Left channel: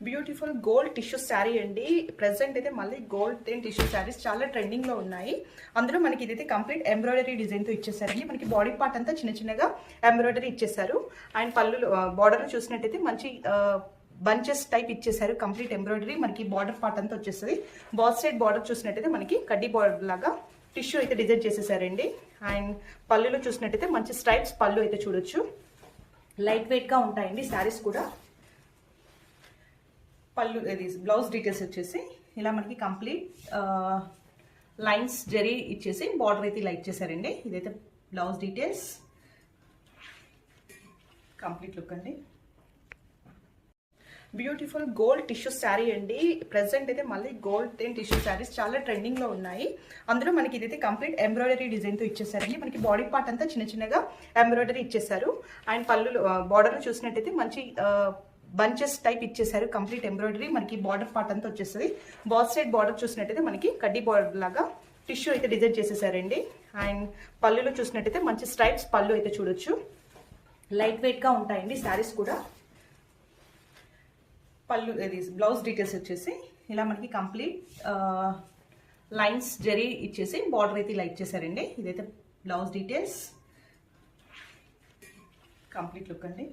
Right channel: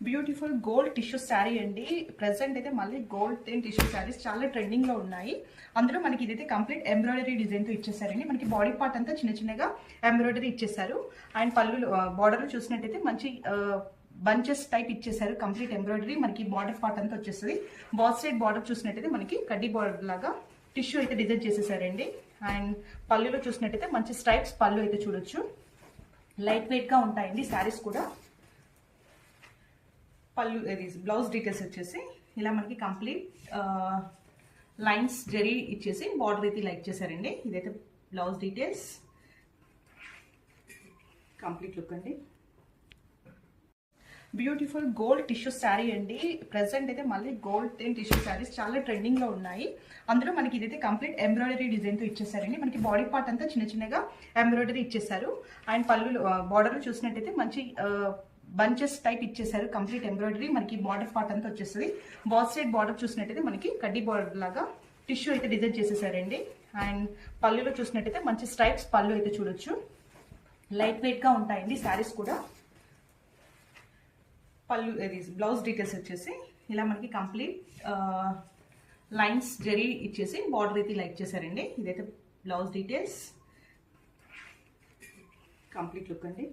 Beautiful gold tissue sari అండి. Present అయితే మళ్ళీ గోల్డ్ టిష్యూ శారీస్ చాలా ట్రెండింగ్ లో ఉన్నాయి. అందులో మనకి ఇదైతే కంప్లీట్ ఎంబ్రాయిడరీ డిజైన్ తో ఇచ్చేసారండి. మనకి బాడీ పార్ట్ అంతా చిన్న చిన్నగా ఎంబ్రాయిడరీ ఇచ్చేసారు. అండ్ పళ్ళు బార్డర్ చూసినట్టయితే మంచి బంచెస్ టైప్ ఇచ్చేసారు. కంప్లీట్ ఎంబ్రాయిడరీ మనకి బార్డర్ పార్ట్ అంతా వచ్చేస్తుంది. బాత్ సైడ్ బార్డర్ చూసినట్టయితే మనకి కడ్డీ బార్డర్ లాగా టిష్యూ అయితే డిజైన్ చేసేసారండి. అండ్ పళ్ళులో చూసినట్టయితే మంచి స్ట్రైప్స్ పళ్ళు అయితే చూడొచ్చు. లైట్ వెయిట్ గా ఉంటాయండి శారీస్ కూడా. పళ్ళు ఇది బ్లౌజ్ డీటెయిల్స్ వచ్చేసి ఇలా మనకి కంప్లీట్ లైన్స్ జరీ ఇచ్చేసి బార్డర్ అయితే ఇలా ఇచ్చేసారండి. ఇదైతే బ్లౌజ్ డీటెయిల్స్, కంప్లీట్ లుక్ అండి. బ్యూటిఫుల్ గోల్డ్ టిష్యూ శారీ అండి. ప్రెసెంట్ అయితే మళ్ళీ గోల్డ్ టిష్యూ శారీస్ చాలా ట్రెండింగ్ లో ఉన్నాయి. అందులో మనకి ఇదైతే కంప్లీట్ ఎంబ్రాయిడరీ డిజైన్ తో ఇచ్చేసారండి. మనకి బాడీ పార్ట్ అంతా చిన్న చిన్నగా ఎంబ్రాయిడరీ ఇచ్చేసారు. అండ్ పళ్ళు బార్డర్ చూసినట్టయితే మంచి బంచెస్ టైప్ ఇచ్చేసారు. కంప్లీట్ ఎంబ్రాయిడరీ మనకి బార్డర్ పార్ట్ అంతా వచ్చేస్తుంది. బాత్ సైడ్ బార్డర్ చూసినట్టయితే మనకి కడ్డీ బార్డర్ లాగా టిష్యూ అయితే డిజైన్ చేసేసారండి. అండ్ పళ్ళులో చూసినట్టయితే మంచి స్ట్రైప్స్ పళ్ళు అయితే చూడొచ్చు. లైట్ వెయిట్ గా ఉంటాయండి శారీస్ కూడా. పళ్ళు ఇది బ్లౌజ్ డీటెయిల్స్ వచ్చేసి ఇలా మనకి కంప్లీట్ లైన్స్ జరీ ఇచ్చేసి బార్డర్ అయితే ఇలా ఇచ్చేసారండి. ఇదైతే బ్లౌజ్ డీటెయిల్స్, కంప్లీట్ లుక్ అండి.